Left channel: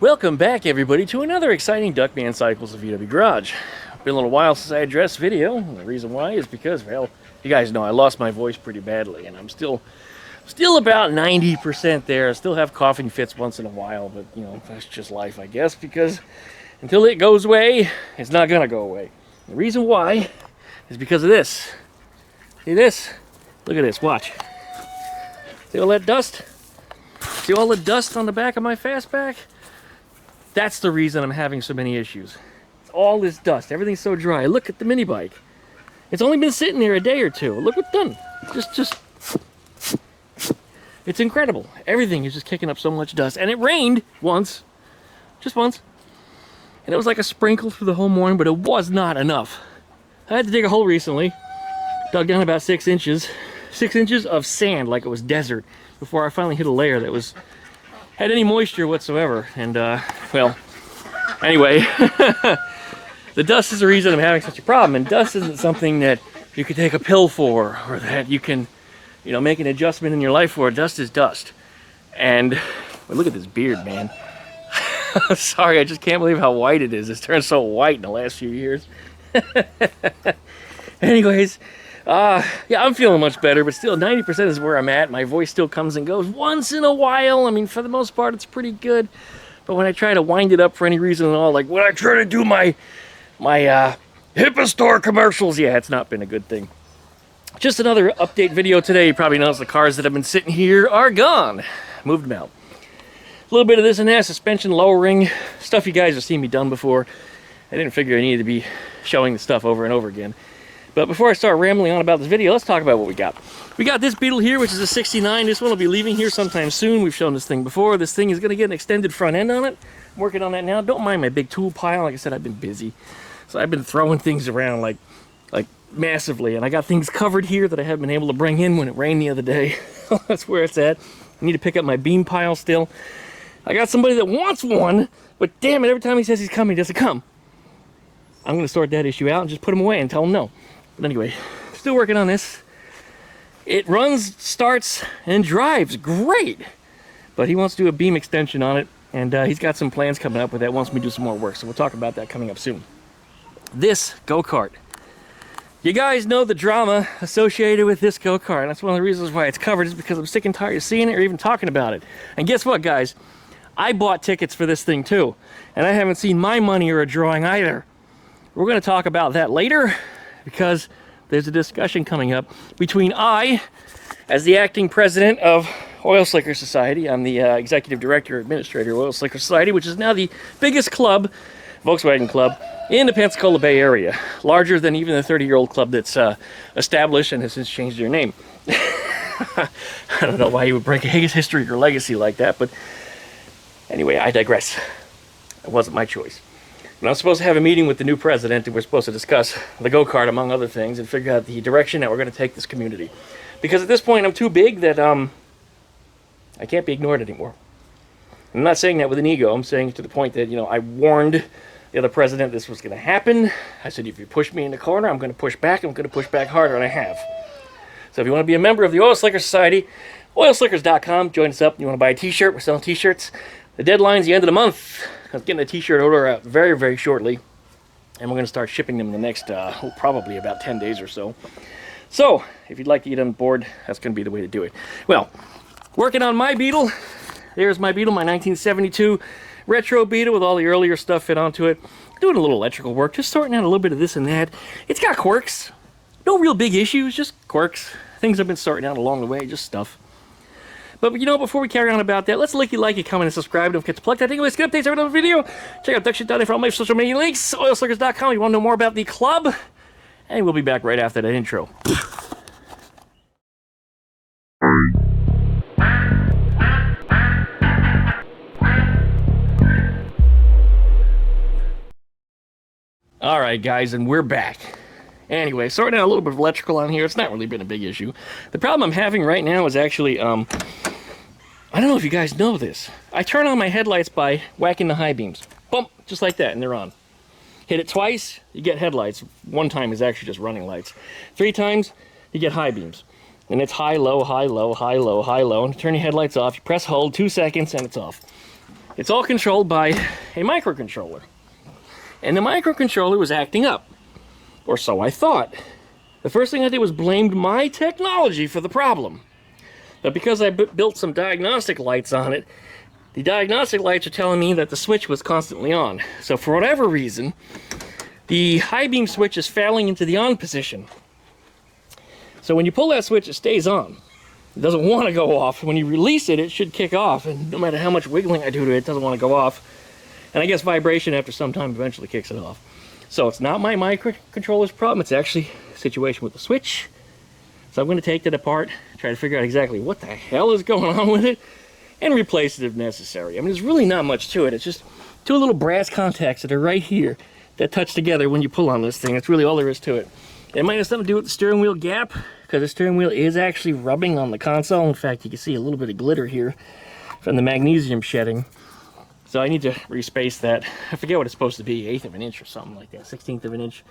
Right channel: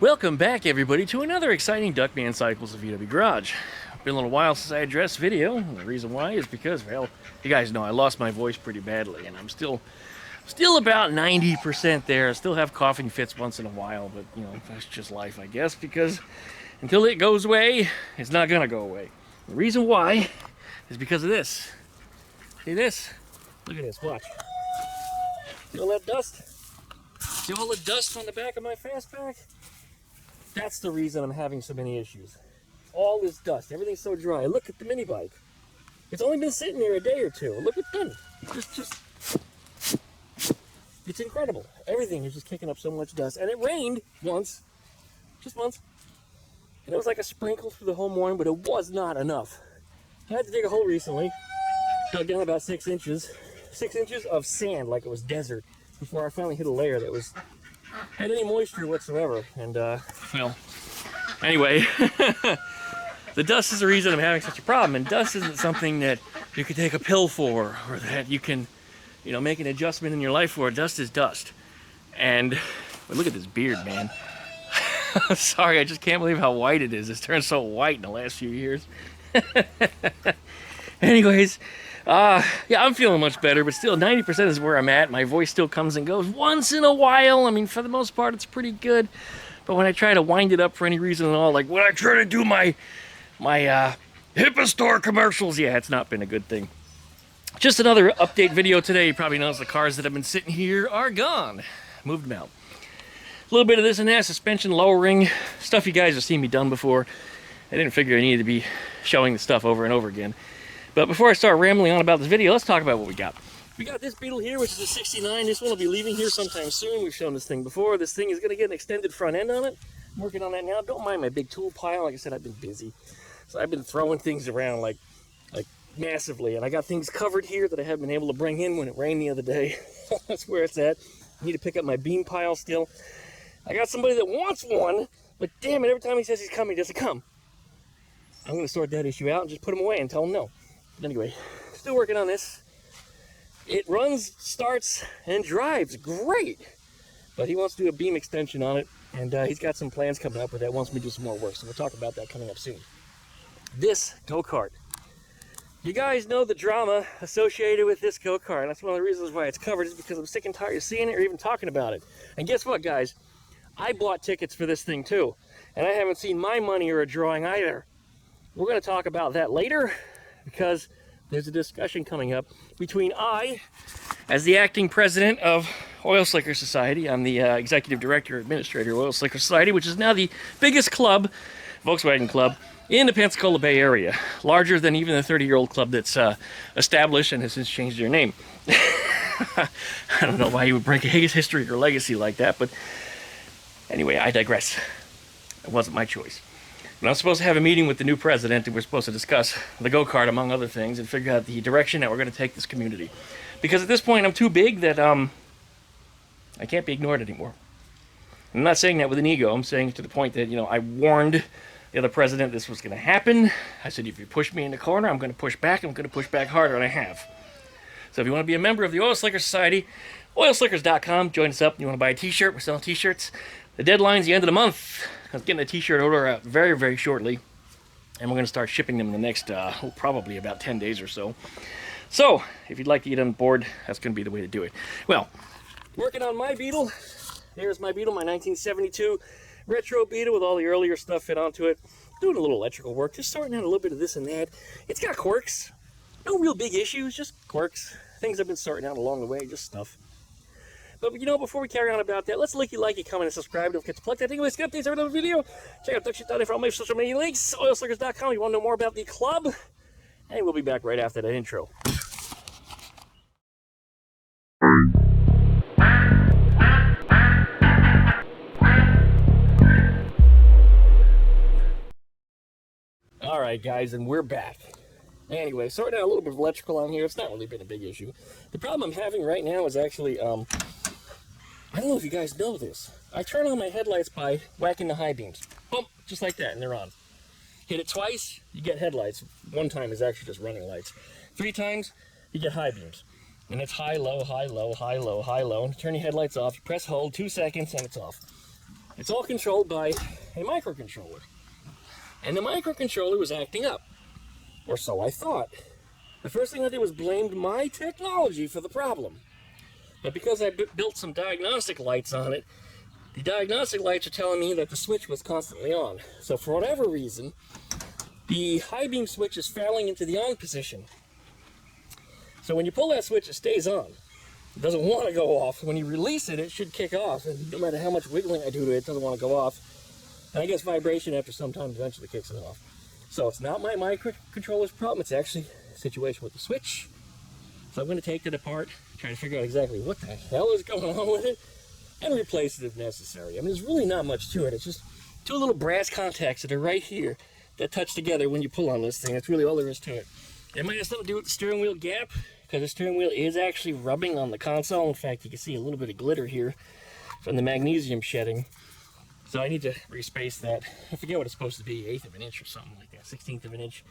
Welcome back, everybody, to another exciting DuckmanCycles of VW Garage. Been a little while since I addressed video, and the reason why is because, well, you guys know I lost my voice pretty badly, and I'm still about 90% there. I still have coughing fits once in a while, but, you know, that's just life, I guess, because until it goes away, it's not gonna go away. The reason why is because of this. See this? Look at this, watch. See all that dust? See all the dust on the back of my Fastback? That's the reason I'm having so many issues. All this dust, everything's so dry. Look at the mini bike. It's only been sitting there a day or two. Look what's done. Just, it's incredible. Everything is just kicking up so much dust. And it rained once, just once. And it was like a sprinkle through the whole morning, but it was not enough. I had to dig a hole recently, dug down about 6 inches. 6 inches of sand like it was desert before I finally hit a layer that had any moisture whatsoever. And well, anyway, the dust is the reason I'm having such a problem. And dust isn't something that you can take a pill for, or that you can, you know, make an adjustment in your life for. Dust is dust. And well, look at this beard, man. Sorry, I just can't believe how white it is. It's turned so white in the last few years. Anyways, yeah, I'm feeling much better, but still 90% is where I'm at. My voice still comes and goes once in a while. I mean, for the most part, it's pretty good. But when I try to wind it up for any reason at all, like when I try to do my HIPAA store commercials, yeah, it's not been a good thing. Just another update video today. You probably noticed the cars that have been sitting here are gone. Moved them out. A little bit of this and that, suspension lowering, stuff you guys have seen me done before. I didn't figure I needed to be showing the stuff over and over again. But before I start rambling on about this video, let's talk about what we got. We got this Beetle here, which is a 69. This one will be leaving here sometime soon. We've shown this thing before. This thing is going to get an extended front end on it. I'm working on that now. Don't mind my big tool pile. Like I said, I've been busy. So I've been throwing things around like massively. And I got things covered here that I haven't been able to bring in when it rained the other day. That's where it's at. I need to pick up my beam pile still. I got somebody that wants one, but damn it, every time he says he's coming, he doesn't come. I'm going to sort that issue out and just put him away and tell him no. But anyway, still working on this. It runs, starts, and drives great. But he wants to do a beam extension on it, and he's got some plans coming up with that. Wants me to do some more work, so we'll talk about that coming up soon. This go-kart. You guys know the drama associated with this go-kart. That's one of the reasons why it's covered, is because I'm sick and tired of seeing it or even talking about it. And guess what, guys? I bought tickets for this thing too, and I haven't seen my money or a drawing either. We're going to talk about that later, because there's a discussion coming up between I, as the acting president of Oil Slicker Society, I'm the executive director, administrator of Oil Slicker Society, which is now the biggest club, Volkswagen club, in the Pensacola Bay area. Larger than even the 30-year-old club that's established and has since changed their name. I don't know why you would break a history or legacy like that, but anyway, I digress. It wasn't my choice. But I'm supposed to have a meeting with the new president, and we're supposed to discuss the go-kart, among other things, and figure out the direction that we're going to take this community. Because at this point, I'm too big that I can't be ignored anymore. I'm not saying that with an ego. I'm saying it to the point that, you know, I warned the other president this was going to happen. I said, if you push me in the corner, I'm going to push back. I'm going to push back harder, and I have. So if you want to be a member of the Oil Slicker Society, oilslickers.com, join us up. You want to buy a t-shirt? We're selling t-shirts. The deadline's the end of the month. I'm getting a t-shirt order out very, very shortly. And we're going to start shipping them in the next, probably about 10 days or so. So, if you'd like to get on board, that's going to be the way to do it. Well, working on my Beetle. There's my Beetle, my 1972 retro Beetle with all the earlier stuff fit onto it. Doing a little electrical work, just sorting out a little bit of this and that. It's got quirks. No real big issues, just quirks. Things I've been sorting out along the way, just stuff. But you know, before we carry on about that, let's like it, comment, and subscribe. Don't forget to plug that thing. Let's get updates every other video. Check out duckshit.net for all my social media links. Oilslickers.com if you want to know more about the club. And we'll be back right after that intro. All right, guys, and we're back. Anyway, sorting out a little bit of electrical on here. It's not really been a big issue. The problem I'm having right now is actually, I don't know if you guys know this. I turn on my headlights by whacking the high beams. Bump, just like that, and they're on. Hit it twice, you get headlights. One time is actually just running lights. 3 times, you get high beams. And it's high, low, high, low, high, low, high, low. And turn your headlights off, you press hold, 2 seconds, and it's off. It's all controlled by a microcontroller. And the microcontroller was acting up. Or so I thought. The first thing I did was blamed my technology for the problem. But because I built some diagnostic lights on it, the diagnostic lights are telling me that the switch was constantly on. So for whatever reason, the high beam switch is failing into the on position. So when you pull that switch, it stays on. It doesn't want to go off. When you release it, it should kick off. And no matter how much wiggling I do to it, it doesn't want to go off. And I guess vibration after some time eventually kicks it off. So it's not my microcontroller's problem. It's actually a situation with the switch. So I'm going to take that apart, try to figure out exactly what the hell is going on with it, and replace it if necessary. I mean, there's really not much to it. It's just two little brass contacts that are right here that touch together when you pull on this thing. That's really all there is to it. It might have something to do with the steering wheel gap, because the steering wheel is actually rubbing on the console. In fact, you can see a little bit of glitter here from the magnesium shedding. So I need to respace that. I forget what it's supposed to be, 1/8 of an inch or something like that, 1/16 of an inch.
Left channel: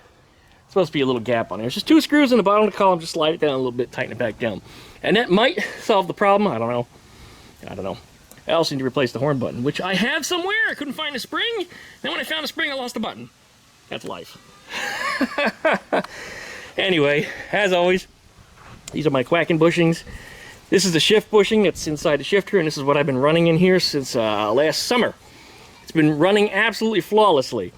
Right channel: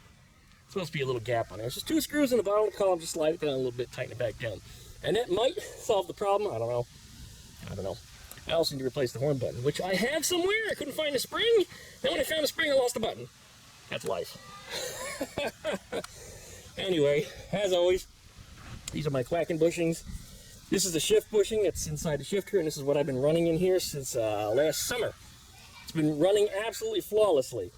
It's supposed to be a little gap on there. It's just 2 screws in the bottom of the column, just slide it down a little bit, tighten it back down. And that might solve the problem, I don't know. I also need to replace the horn button, which I have somewhere. I couldn't find a spring. Then when I found a spring, I lost the button. That's life. Anyway, as always, these are my quacking bushings. This is the shift bushing that's inside the shifter, and this is what I've been running in here since last summer. It's been running absolutely flawlessly.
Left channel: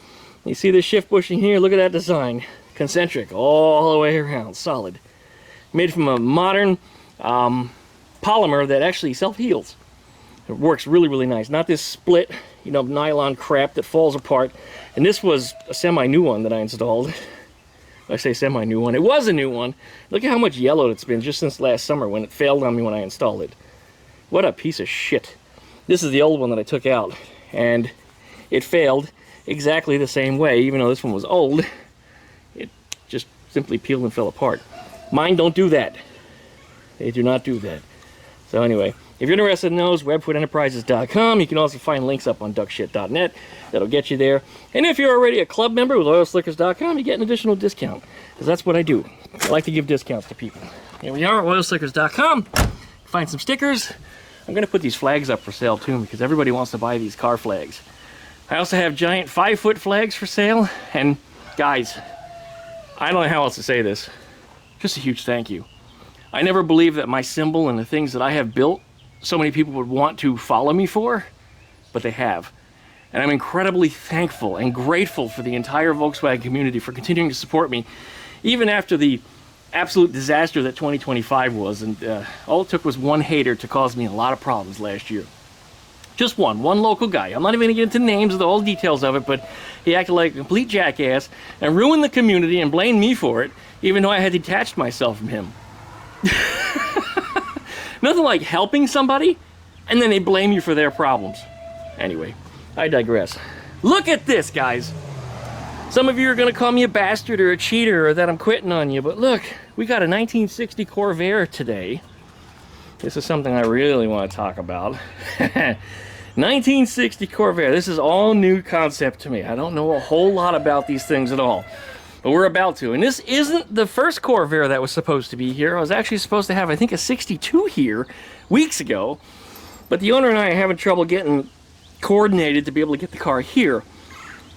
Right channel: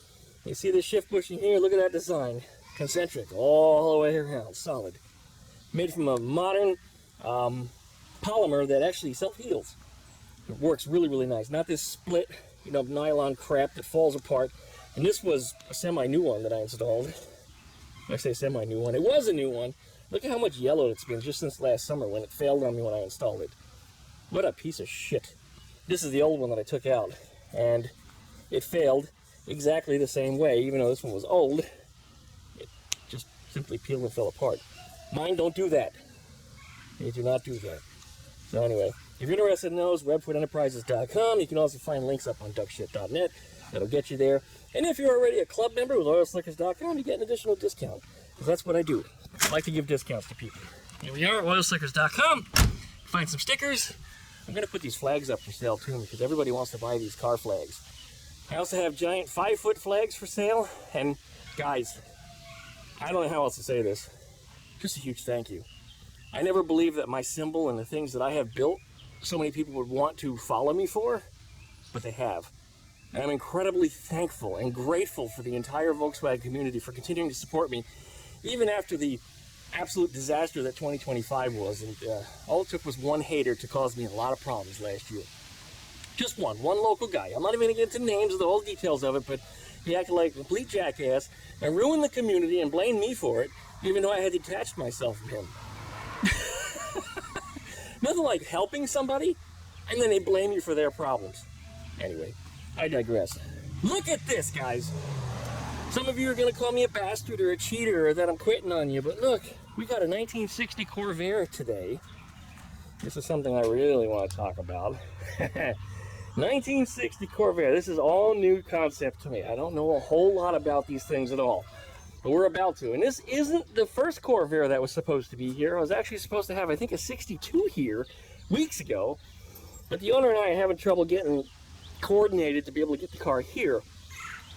You see this shift bushing here? Look at that design. Concentric all the way around, solid. Made from a modern polymer that actually self-heals. It works really, really nice. Not this split, nylon crap that falls apart. And this was a semi-new one that I installed. I say semi-new one. It was a new one. Look at how much yellowed it's been just since last summer when it failed on me when I installed it. What a piece of shit. This is the old one that I took out. And it failed exactly the same way. Even though this one was old, it just simply peeled and fell apart. Mine don't do that. They do not do that. So anyway, if you're interested in those, webfoodenterprises.com. You can also find links up on duckshit.net. That'll get you there. And if you're already a club member with oilslickers.com, you get an additional discount. Because that's what I do. I like to give discounts to people. Here we are at oilslickers.com. Find some stickers. I'm going to put these flags up for sale too, because everybody wants to buy these car flags. I also have giant 5-foot flags for sale. And guys, I don't know how else to say this. Just a huge thank you. I never believed that my symbol and the things that I have built, so many people would want to follow me for, but they have. And I'm incredibly thankful and grateful for the entire Volkswagen community for continuing to support me, even after the absolute disaster that 2025 was. And all it took was one hater to cause me a lot of problems last year. Just one local guy. I'm not even going to get into names of the whole details of it, but he acted like a complete jackass and ruined the community and blamed me for it, even though I had detached myself from him. Nothing like helping somebody and then they blame you for their problems. Anyway, I digress. Look at this, guys. Some of you are going to call me a bastard or a cheater or that I'm quitting on you, but look, we got a 1960 Corvair today. This is something I really want to talk about. 1960 Corvair. This is all new concept to me. I don't know a whole lot about these things at all. But we're about to. And this isn't the first Corvair that was supposed to be here. I was actually supposed to have, I think, a 62 here weeks ago. But the owner and I are having trouble getting coordinated to be able to get the car here.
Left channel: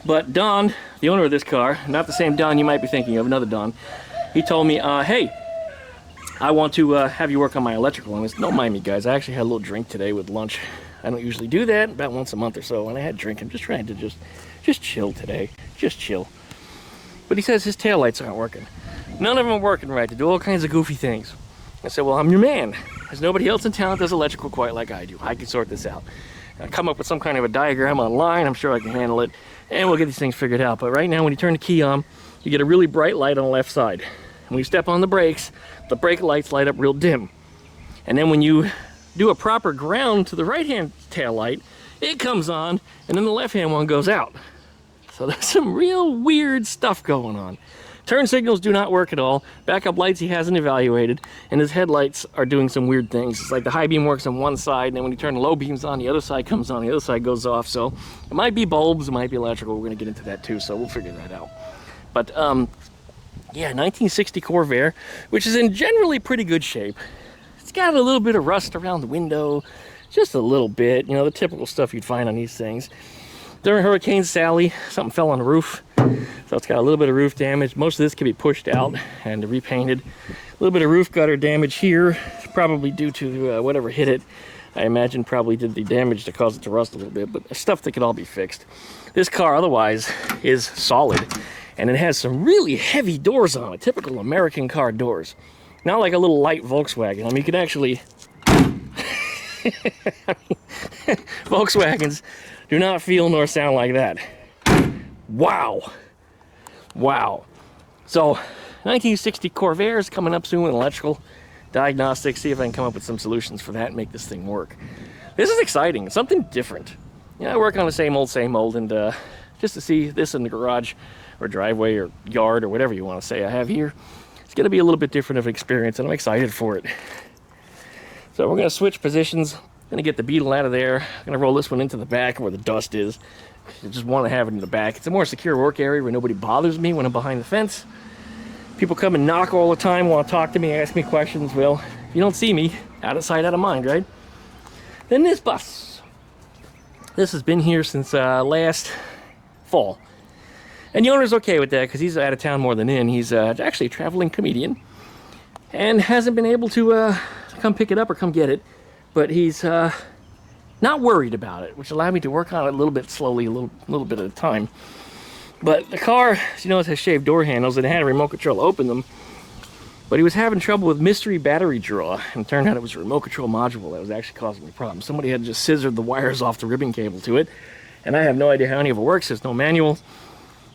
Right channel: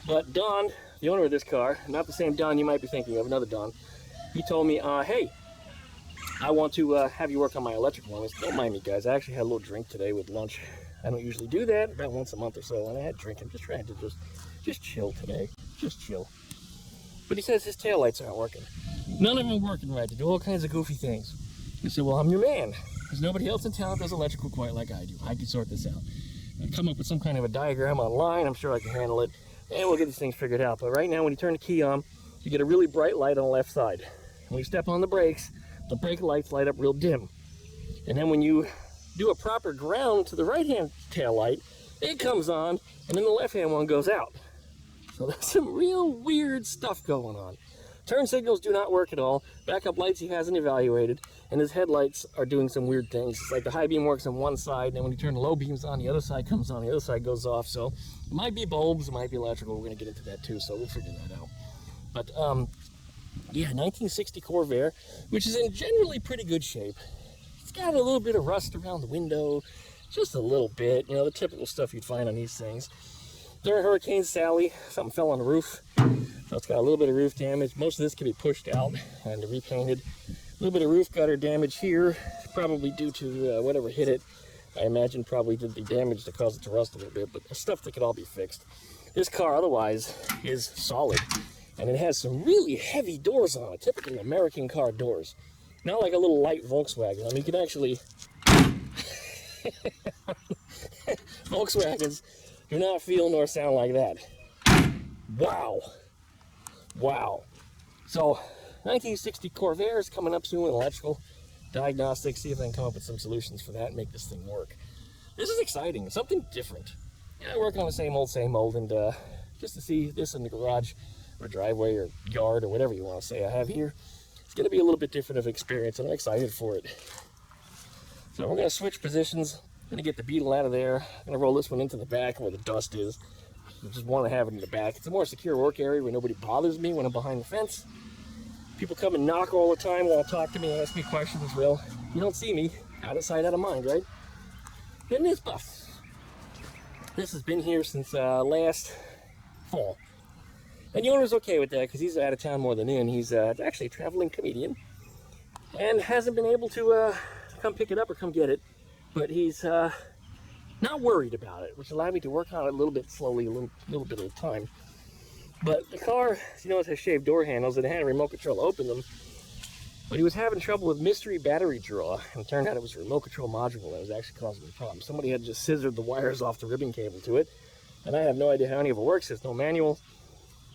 But Don, the owner of this car, not the same Don you might be thinking of, another Don, he told me, hey, I want to have you work on my electrical. And I said, don't mind me, guys. I actually had a little drink today with lunch. I don't usually do that, about once a month or so. And I had a drink. I'm just trying to just chill today. Just chill. But he says his taillights aren't working. None of them are working right. They do all kinds of goofy things. I said, well, I'm your man. There's nobody else in town that does electrical quite like I do. I can sort this out. I'll come up with some kind of a diagram online. I'm sure I can handle it. And we'll get these things figured out. But right now, when you turn the key on, you get a really bright light on the left side. When you step on the brakes, the brake lights light up real dim. And then when you do a proper ground to the right-hand tail light, it comes on, and then the left-hand one goes out. So there's some real weird stuff going on. Turn signals do not work at all. Backup lights he hasn't evaluated, and his headlights are doing some weird things. It's like the high beam works on one side, and then when you turn the low beams on, the other side comes on, the other side goes off. So it might be bulbs, it might be electrical. We're gonna get into that too, so we'll figure that out. But yeah, 1960 Corvair, which is in generally pretty good shape. It's got a little bit of rust around the window, just a little bit, you know, the typical stuff you'd find on these things. During Hurricane Sally, something fell on the roof, so it's got a little bit of roof damage. Most of this can be pushed out and repainted. A little bit of roof gutter damage here, probably due to whatever hit it. I imagine probably did the damage to cause it to rust a little bit, but stuff that could all be fixed. This car otherwise is solid, and it has some really heavy doors on it, typical American car doors. Not like a little light Volkswagen. I mean, you can actually... Volkswagens do not feel nor sound like that. Wow. Wow. So, 1960 Corvair is coming up soon with electrical diagnostics. See if I can come up with some solutions for that and make this thing work. This is exciting. Something different. You know, I work on the same old, and just to see this in the garage or driveway or yard or whatever you want to say I have here, it's going to be a little bit different of an experience, and I'm excited for it. So we're going to switch positions. I'm going to get the Beetle out of there. I'm going to roll this one into the back where the dust is. I just want to have it in the back. It's a more secure work area where nobody bothers me when I'm behind the fence. People come and knock all the time, want to talk to me, ask me questions. Well, you don't see me, out of sight, out of mind, right? Then this bus. This has been here since last fall. And the owner's okay with that because he's out of town more than in. He's actually a traveling comedian and hasn't been able to come pick it up or come get it. But he's not worried about it, which allowed me to work on it a little bit slowly, a little bit at a time. But the car, as you know, it has shaved door handles, and it had a remote control to open them. But he was having trouble with mystery battery draw, and it turned out it was a remote control module that was actually causing the problem. Somebody had just scissored the wires off the ribbon cable to it, and I have no idea how any of it works. There's no manual.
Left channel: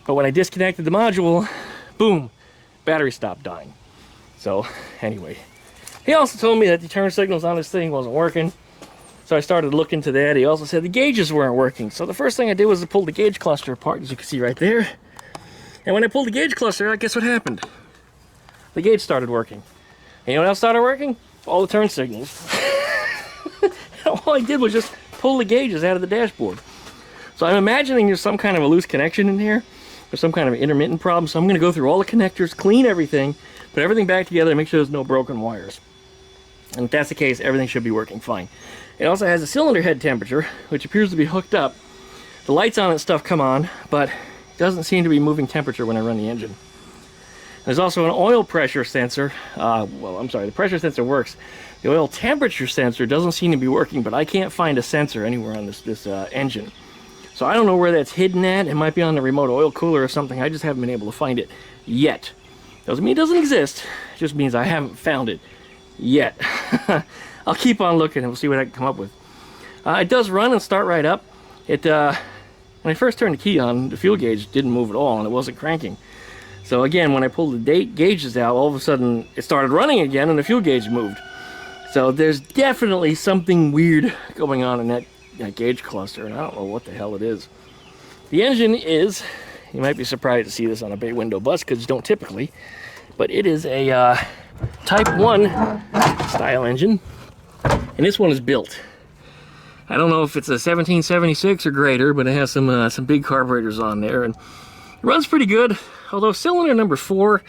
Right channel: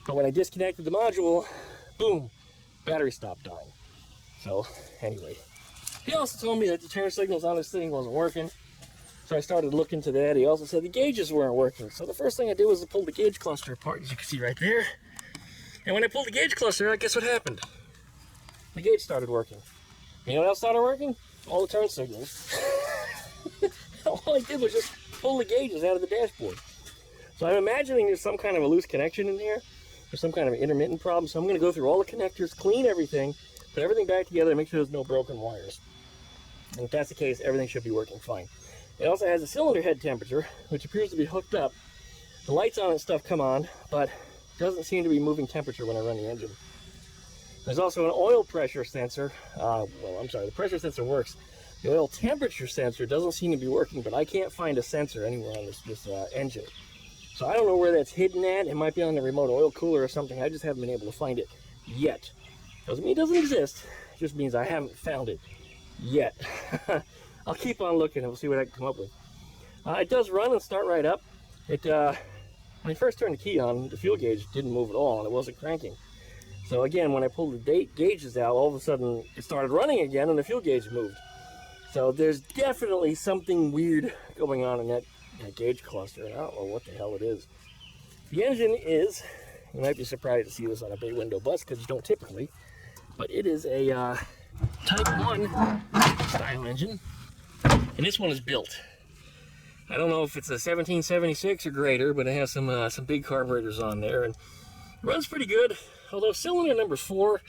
But when I disconnected the module, boom, battery stopped dying. So, anyway. He also told me that the turn signals on this thing wasn't working. So I started looking into that. He also said the gauges weren't working. So the first thing I did was to pull the gauge cluster apart, as you can see right there. And when I pulled the gauge cluster out, guess what happened? The gauge started working. And you know what else started working? All the turn signals. All I did was just pull the gauges out of the dashboard. So I'm imagining there's some kind of a loose connection in here, or some kind of intermittent problem. So I'm going to go through all the connectors, clean everything, put everything back together, and make sure there's no broken wires. And if that's the case, everything should be working fine. It also has a cylinder head temperature, which appears to be hooked up. The lights on and stuff come on, but it doesn't seem to be moving temperature when I run the engine. There's also an oil pressure sensor. The pressure sensor works. The oil temperature sensor doesn't seem to be working, but I can't find a sensor anywhere on this engine. So I don't know where that's hidden at. It might be on the remote oil cooler or something. I just haven't been able to find it yet. Doesn't mean it doesn't exist. It just means I haven't found it yet. I'll keep on looking and we'll see what I can come up with. It does run and start right up. When I first turned the key on, the fuel gauge didn't move at all and it wasn't cranking. So again, when I pulled the gauges out, all of a sudden it started running again and the fuel gauge moved. So there's definitely something weird going on in that gauge cluster, and I don't know what the hell it is. The engine is, you might be surprised to see this on a bay window bus because you don't typically, but it is a Type 1 style engine, and this one is built. I don't know if it's a 1776 or greater, but it has some big carburetors on there, and it runs pretty good. Although cylinder number 4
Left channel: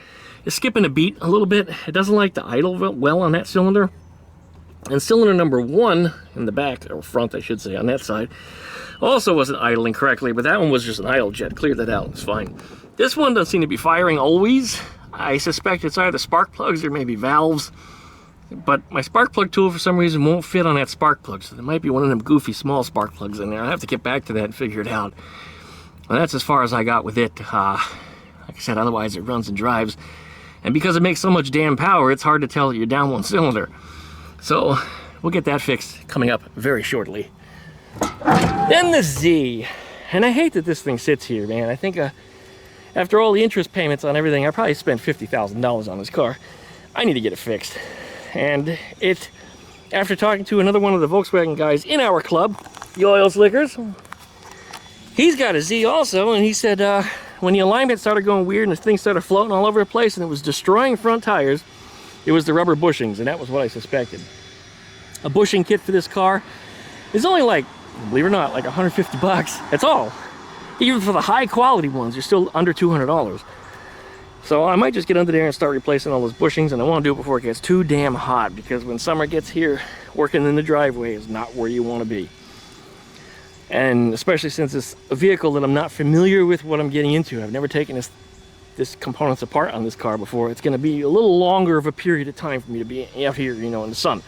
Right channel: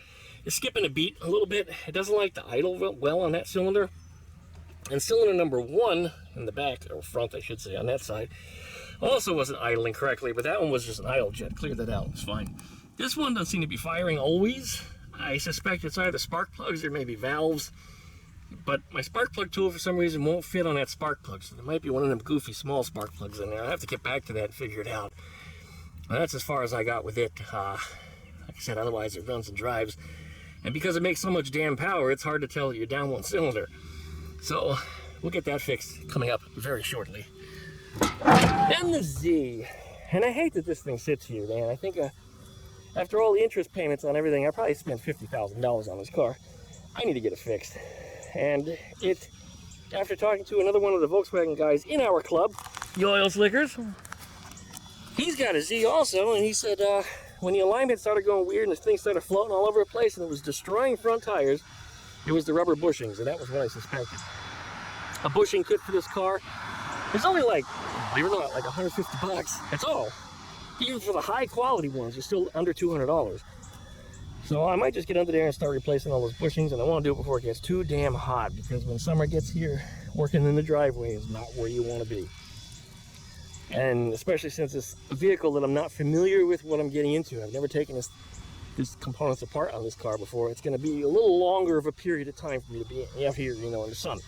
is skipping a beat a little bit. It doesn't like to idle well on that cylinder. And cylinder number 1 in the back, or front I should say, on that side, also wasn't idling correctly, but that one was just an idle jet. Cleared that out, it's fine. This one doesn't seem to be firing always. I suspect it's either spark plugs or maybe valves. But my spark plug tool for some reason won't fit on that spark plug, so there might be one of them goofy small spark plugs in there. I'll have to get back to that and figure it out. Well, that's as far as I got with it. Like I said, otherwise it runs and drives. And because it makes so much damn power, it's hard to tell that you're down one cylinder. So we'll get that fixed coming up very shortly. Then the Z. And I hate that this thing sits here, man. I think after all the interest payments on everything, I probably spent $50,000 on this car. I need to get it fixed. And after talking to another one of the Volkswagen guys in our club, the Oil Slickers, he's got a Z also, and he said when the alignment started going weird and the thing started floating all over the place and it was destroying front tires, it was the rubber bushings, and that was what I suspected. A bushing kit for this car is only like, believe it or not, like 150 bucks. That's all. Even for the high quality ones, you're still under $200. So I might just get under there and start replacing all those bushings, and I want to do it before it gets too damn hot, because when summer gets here, working in the driveway is not where you want to be. And especially since it's a vehicle that I'm not familiar with what I'm getting into. I've never taken this components apart on this car before. It's going to be a little longer of a period of time for me to be out here, you know, in the sun.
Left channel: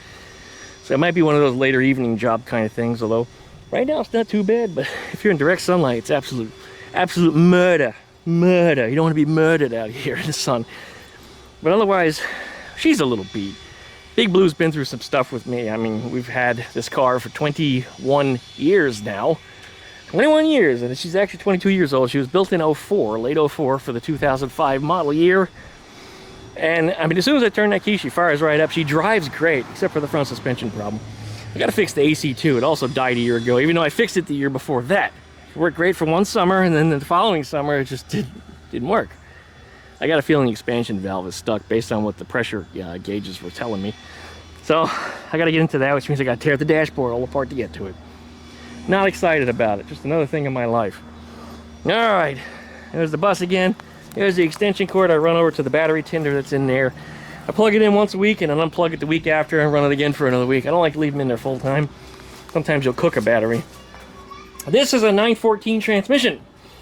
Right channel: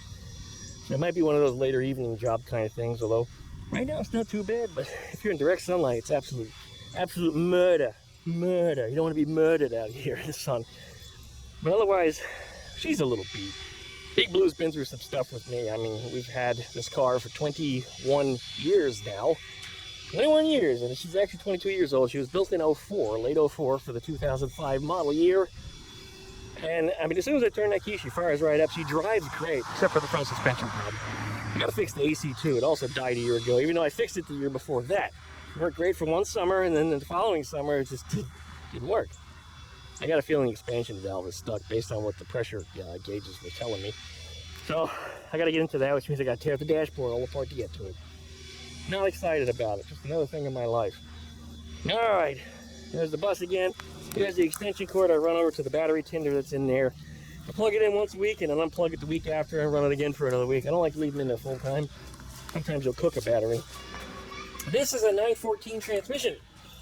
So it might be one of those later evening job kind of things, although right now it's not too bad, but if you're in direct sunlight, it's absolute murder. Murder. You don't want to be murdered out here in the sun. But otherwise, she's a little beat. Big Blue's been through some stuff with me. I mean, we've had this car for 21 years now. 21 years, and she's actually 22 years old. She was built in 04, late 04 for the 2005 model year. And I mean, as soon as I turn that key, she fires right up. She drives great, except for the front suspension problem. I gotta fix the AC too. It also died a year ago, even though I fixed it the year before that. It worked great for one summer, and then the following summer it just didn't work. I got a feeling the expansion valve is stuck based on what the pressure gauges were telling me. So I got to get into that, which means I got to tear the dashboard all apart to get to it. Not excited about it. Just another thing in my life. All right, there's the bus again. Here's the extension cord. I run over to the battery tender that's in there. I plug it in once a week and then unplug it the week after and run it again for another week. I don't like to leave them in there full time. Sometimes you'll cook a battery. This is a 914 transmission.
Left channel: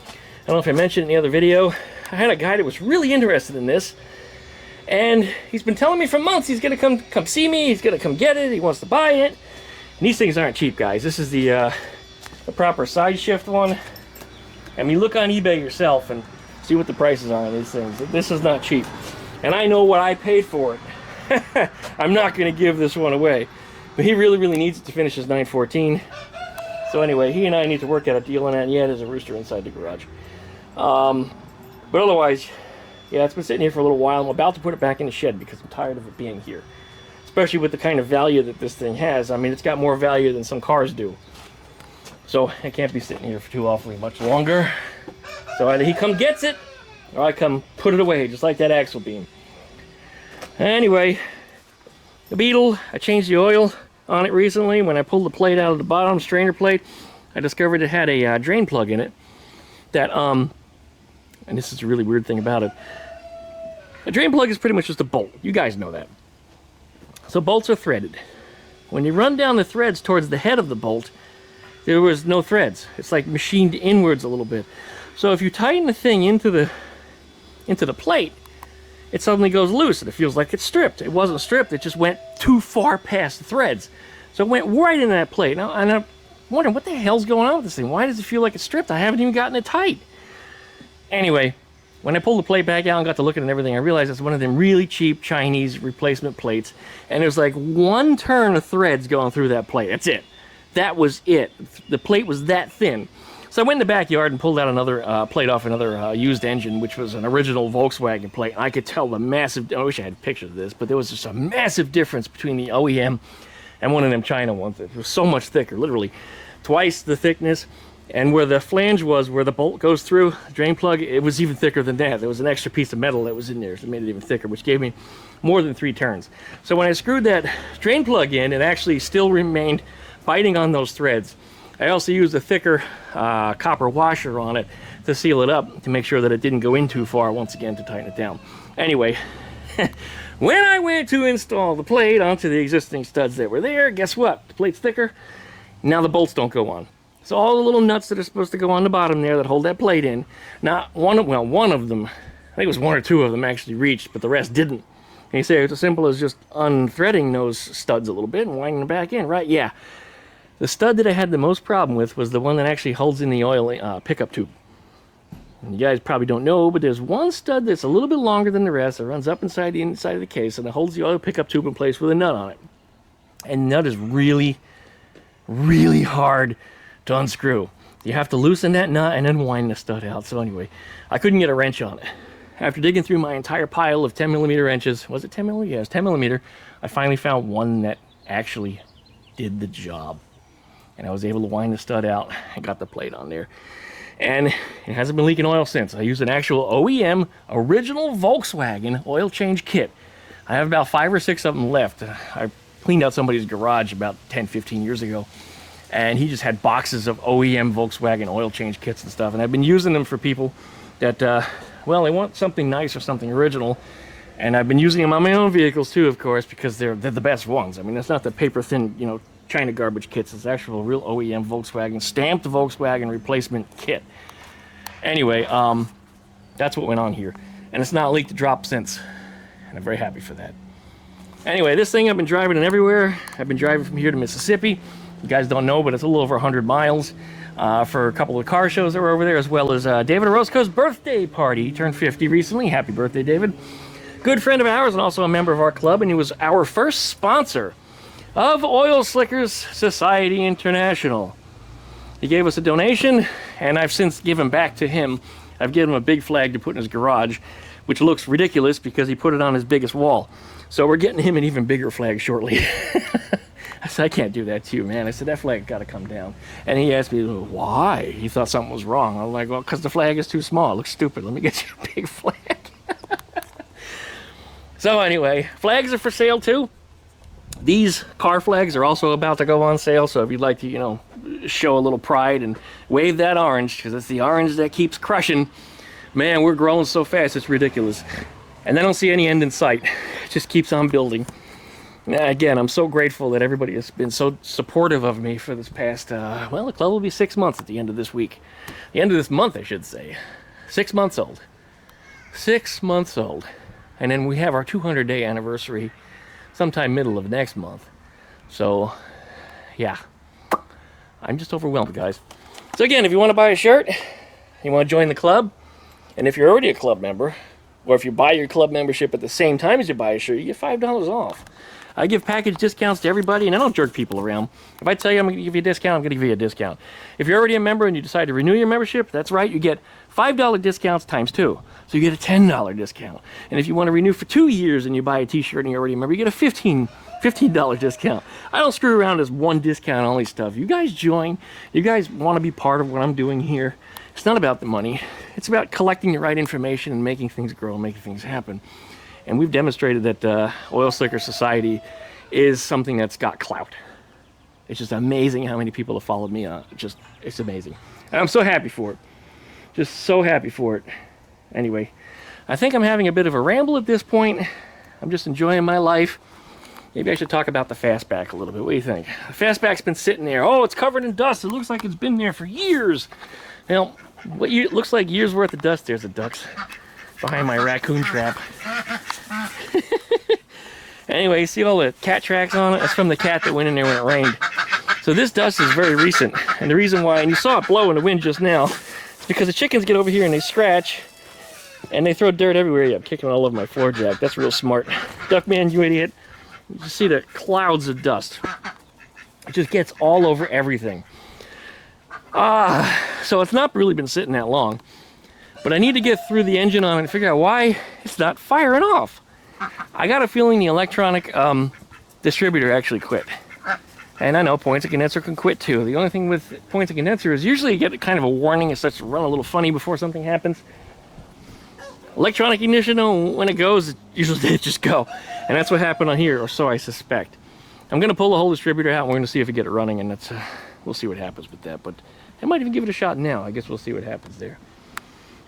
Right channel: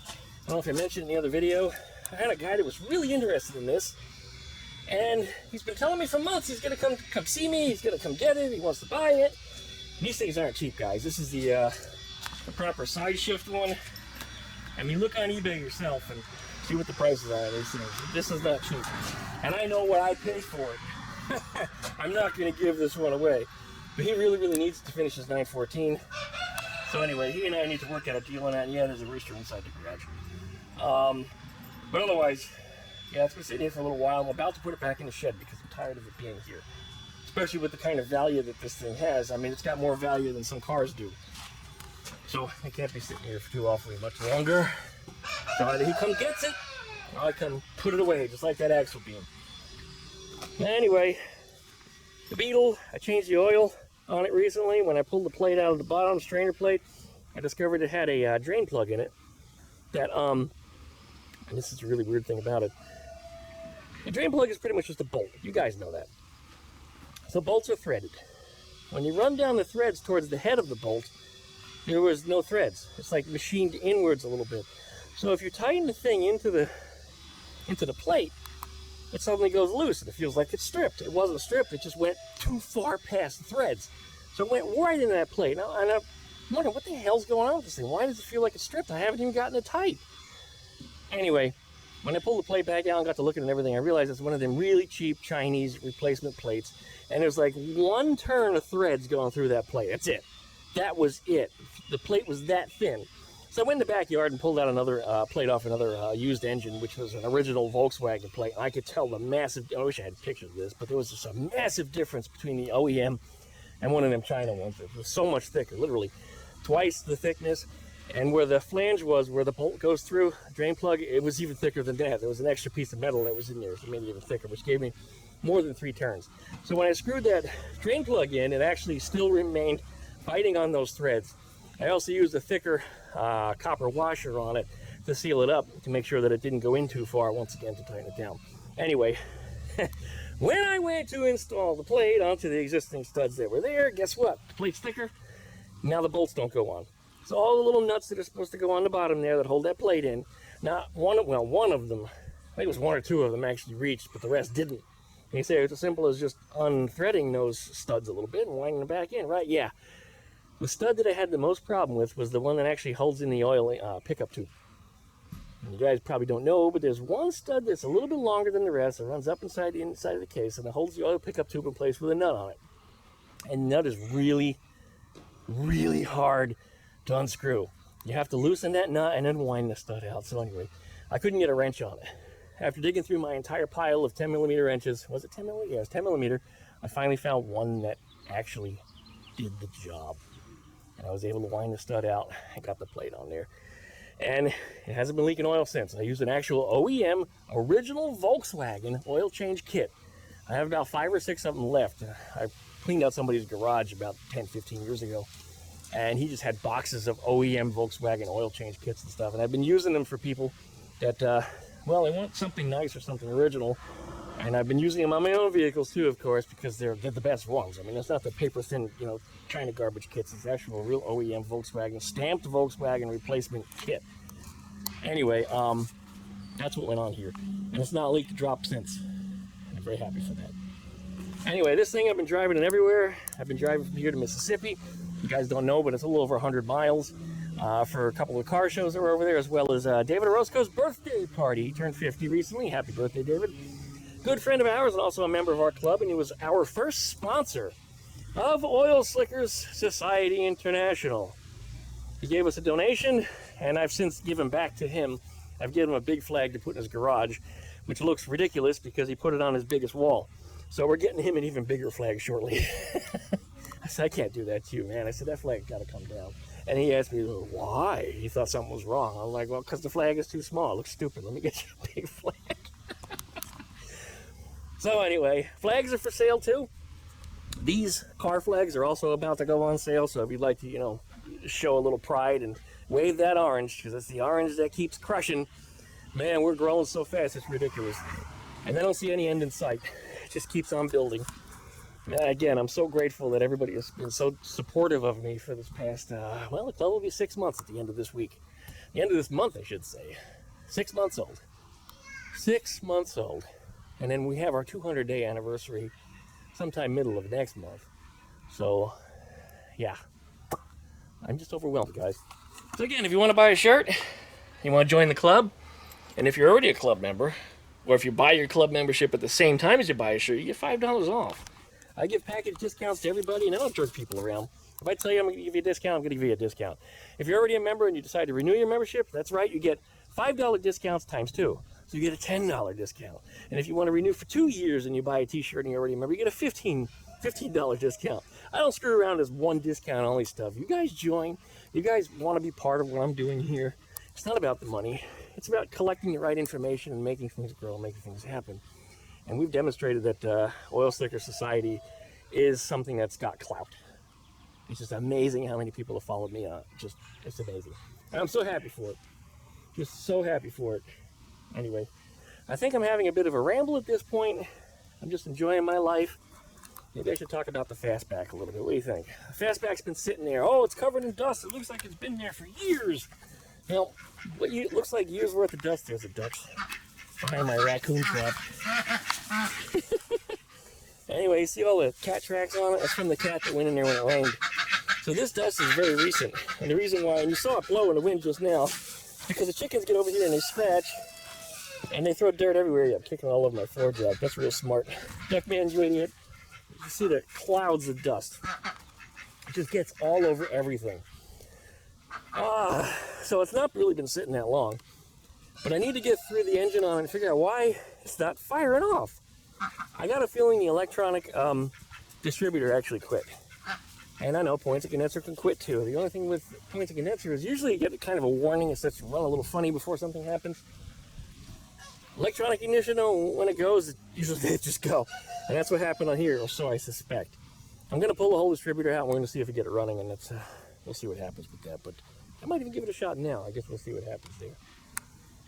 I don't know if I mentioned in the other video. I had a guy that was really interested in this, and he's been telling me for months he's gonna come see me, he's gonna come get it, he wants to buy it. And these things aren't cheap, guys. This is the proper side shift one. I mean, look on eBay yourself and see what the prices are on these things. This is not cheap, and I know what I paid for it. I'm not gonna give this one away, but he really needs it to finish his 914. So anyway, he and I need to work out a deal on that. Yeah, there's a rooster inside the garage. But otherwise, yeah, it's been sitting here for a little while. I'm about to put it back in the shed because I'm tired of it being here. Especially with the kind of value that this thing has. I mean, it's got more value than some cars do. So it can't be sitting here for too awfully much longer. So either he come gets it, or I come put it away, just like that axle beam. Anyway, the Beetle, I changed the oil on it recently. When I pulled the plate out of the bottom, strainer plate, I discovered it had a drain plug in it that, and this is a really weird thing about it. A drain plug is pretty much just a bolt. You guys know that. So bolts are threaded. When you run down the threads towards the head of the bolt, there was no threads. It's like machined inwards a little bit. So if you tighten the thing into the plate, it suddenly goes loose and it feels like it's stripped. It wasn't stripped, it just went too far past the threads. So it went right in that plate. Now, and I'm wondering, what the hell's going on with this thing? Why does it feel like it's stripped? I haven't even gotten it tight. Anyway, when I pulled the plate back out and got to look at it and everything, I realized it's one of them really cheap Chinese replacement plates. And there's like one turn of threads going through that plate. That's it. That was it. The plate was that thin. So I went in the backyard and pulled out another plate off another used engine, which was an original Volkswagen plate. I could tell the massive, I wish I had pictures of this, but there was just a massive difference between the OEM and one of them China ones. It was so much thicker, literally twice the thickness. And where the flange was, where the bolt goes through, the drain plug, it was even thicker than that. There was an extra piece of metal that was in there, so it made it even thicker, which gave me more than 3 turns. So when I screwed that drain plug in, it actually still remained biting on those threads. I also used a thicker copper washer on it to seal it up, to make sure that it didn't go in too far, once again, to tighten it down. Anyway, when I went to install the plate onto the existing studs that were there, guess what? The plate's thicker, now the bolts don't go on. So all the little nuts that are supposed to go on the bottom there that hold that plate in, not one of them, I think it was 1 or 2 of them actually reached, but the rest didn't. And you say it's as simple as just unthreading those studs a little bit and winding them back in, right? Yeah. The stud that I had the most problem with was the one that actually holds in the oil pickup tube. And you guys probably don't know, but there's one stud that's a little bit longer than the rest. It runs up inside the inside of the case, and it holds the oil pickup tube in place with a nut on it. And the nut is really hard to unscrew. You have to loosen that nut and then wind the stud out. So anyway, I couldn't get a wrench on it. After digging through my entire pile of 10mm wrenches, was it 10mm? Yeah, it was 10mm. I finally found one that actually did the job. And I was able to wind the stud out and got the plate on there. And it hasn't been leaking oil since. I used an actual OEM, original Volkswagen oil change kit. I have about 5 or 6 of them left. I cleaned out somebody's garage about 10, 15 years ago. And he just had boxes of OEM Volkswagen oil change kits and stuff. And I've been using them for people that well, they want something nice or something original. And I've been using them on my own vehicles too, of course, because they're the best ones. I mean, it's not the paper thin, you know, China garbage kits. It's actual real OEM Volkswagen, stamped Volkswagen replacement kit. Anyway, that's what went on here. And it's not leaked a drop since. And I'm very happy for that. Anyway, this thing I've been driving it everywhere. I've been driving from here to Mississippi. You guys don't know, but it's a little over 100 miles for a couple of car shows that were over there, as well as David Orozco's birthday party. He turned 50 recently. Happy birthday, David. Good friend of ours and also a member of our club, and he was our first sponsor of Oil Slickers Society International. He gave us a donation, and I've since given back to him. I've given him a big flag to put in his garage, which looks ridiculous because he put it on his biggest wall. So we're getting him an even bigger flag shortly. I said, I can't do that to you, man. I said, that flag got to come down. And he asked me, why? He thought something was wrong. I was like, well, because the flag is too small. It looks stupid. Let me get you a big flag. So anyway, flags are for sale too. These car flags are also about to go on sale. So if you'd like to, you know, show a little pride and wave that orange, because it's the orange that keeps crushing. Man, we're growing so fast, it's ridiculous. And I don't see any end in sight. It just keeps on building. And again, I'm so grateful that everybody has been so supportive of me for this past, well, the club will be 6 months at the end of this week. The end of this month, I should say. 6 months old. 6 months old. And then we have our 200-day anniversary sometime middle of next month. So, yeah. I'm just overwhelmed, guys. So again, if you want to buy a shirt, you want to join the club, and if you're already a club member, or if you buy your club membership at the same time as you buy a shirt, you get $5 off. I give package discounts to everybody, and I don't jerk people around. If I tell you I'm going to give you a discount, I'm going to give you a discount. If you're already a member and you decide to renew your membership, that's right, you get $5 discounts times 2. So you get a $10 discount. And if you want to renew for 2 years and you buy a t-shirt and you're already a member, you get a $15 discount. I don't screw around as one discount only stuff. You guys join. You guys want to be part of what I'm doing here. It's not about the money. It's about collecting the right information and making things grow and making things happen. And we've demonstrated that Oil Slicker Society is something that's got clout. It's just amazing how many people have followed me on. It's amazing. And I'm so happy for it. Just so happy for it. Anyway, I think I'm having a bit of a ramble at this point. I'm just enjoying my life. Maybe I should talk about the Fastback a little bit. What do you think? The Fastback's been sitting there. Oh, it's covered in dust. It looks like it's been there for years. Now, it looks like years worth of dust. There's the ducks behind my raccoon trap. Anyway, you see all the cat tracks on it? It's from the cat that went in there when it rained. So this dust is very recent. And the reason why, and you saw it blow in the wind just now, is because the chickens get over here and they scratch and they throw dirt everywhere. Yeah, I'm kicking all over my floor jack. That's real smart. Duckman, you idiot. You see the clouds of dust. It just gets all over everything. So it's not really been sitting that long. But I need to get through the engine on it and figure out why it's not firing off. I got a feeling the electronic distributor actually quit. And I know points of condenser can quit too. The only thing with points of condenser is usually you get kind of a warning. It starts to run a little funny before something happens. Electronic ignition, when it goes, usually it just go. And that's what happened on here, or so I suspect. I'm going to pull the whole distributor out and we're going to see if we get it running, and that's we'll see what happens with that. But I might even give it a shot now. I guess we'll see what happens there.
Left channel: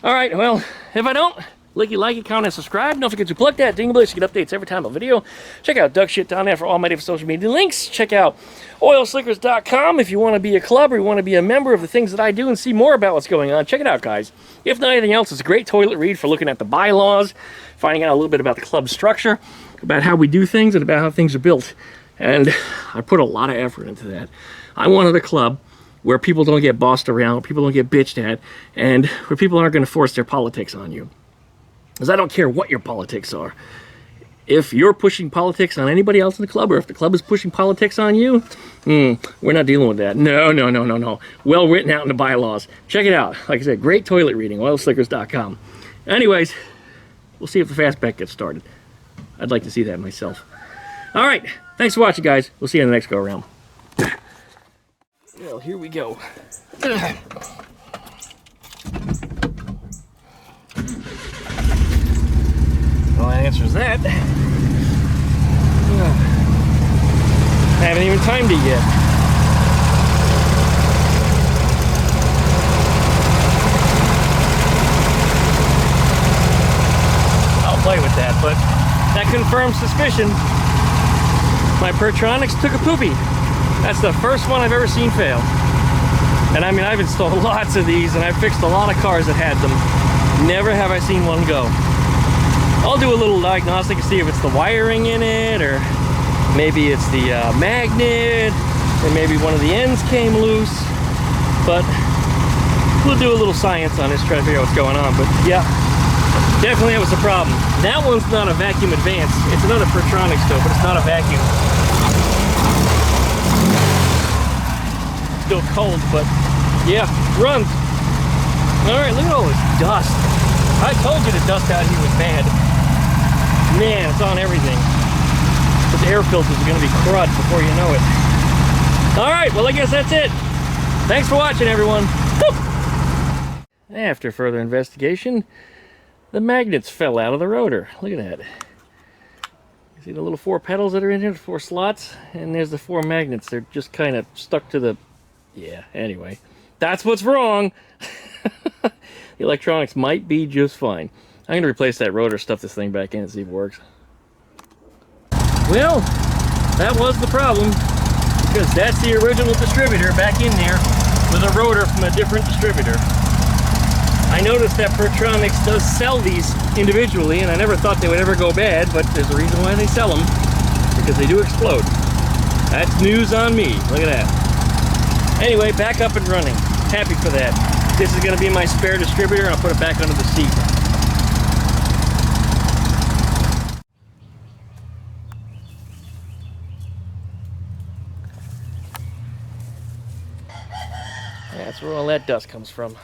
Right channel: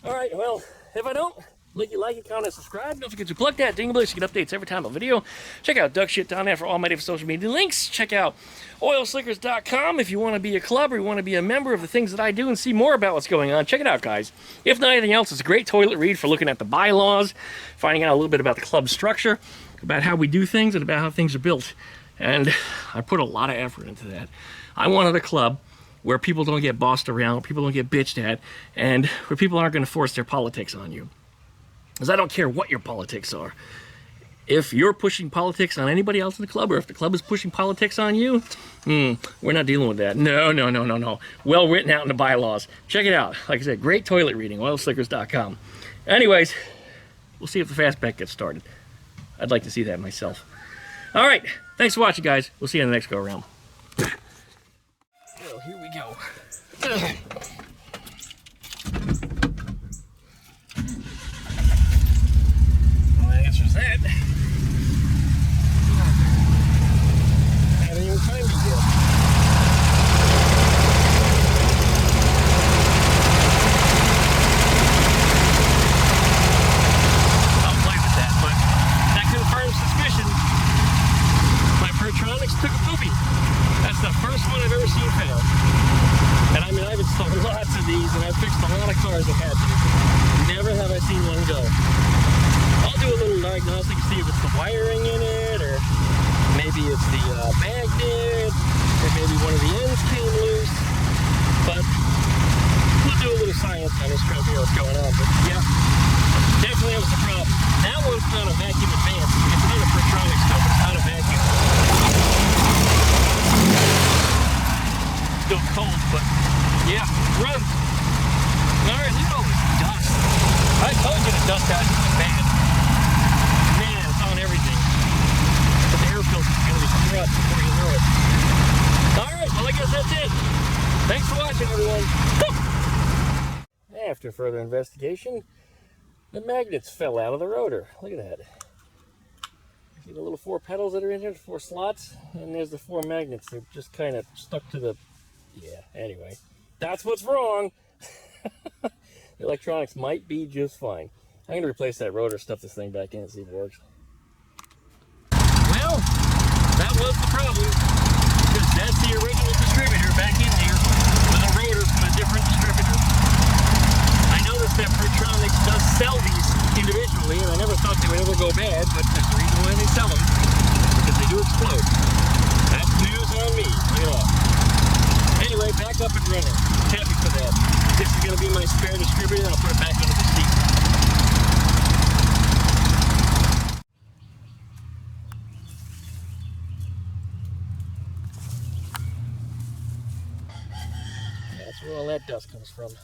All right, well, if I don't, like it, comment, and subscribe. Don't forget to plug that dingle so you get updates every time a video. Check out Duck Shit down there for all my different social media links. Check out oilslickers.com if you want to be a club or you want to be a member of the things that I do and see more about what's going on. Check it out, guys. If not anything else, it's a great toilet read for looking at the bylaws, finding out a little bit about the club structure, about how we do things, and about how things are built. And I put a lot of effort into that. I wanted a club where people don't get bossed around, where people don't get bitched at, and where people aren't going to force their politics on you. Because I don't care what your politics are. If you're pushing politics on anybody else in the club, or if the club is pushing politics on you, we're not dealing with that. No. Well written out in the bylaws. Check it out. Like I said, great toilet reading, oilslickers.com. Anyways, we'll see if the Fastback gets started. I'd like to see that myself. All right. Thanks for watching, guys. We'll see you in the next go-around. Well, here we go. Well, that answers that. I haven't even timed it yet. Pertronics took a poopy. That's the first one I've ever seen fail. And I mean, I've installed lots of these, and I've fixed a lot of cars that had them. Never have I seen one go. I'll do a little diagnostic to see if it's the wiring in it, or maybe it's the magnet, or maybe one of the ends came loose. But we'll do a little science on this, try to figure out what's going on. But yeah, definitely that was the problem. That one's not a vacuum advance. It's another Pertronics though, but it's not a vacuum. Still cold, but yeah, runs. All right, look at all this dust. I told you the dust out here was bad. Man, it's on everything. But the air filters are going to be crud before you know it. All right, well, I guess that's it. Thanks for watching, everyone. After further investigation, the magnets fell out of the rotor. Look at that. You see the little 4 pedals that are in here, the 4 slots? And there's the 4 magnets. They're just kind of stuck to the... Yeah, anyway. That's what's wrong. The electronics might be just fine. I'm going to replace that rotor, stuff this thing back in and see if it works. Well, that was the problem. Because that's the original distributor back in there with a rotor from a different distributor. I noticed that Pertronics does sell these individually, and I never thought they would ever go bad, but there's a reason why they sell them, because they do explode. That's news on me. Look at that. Anyway, back up and running. Happy for that. This is going to be my spare distributor. I'll put it back under the seat. That's where all that dust comes from.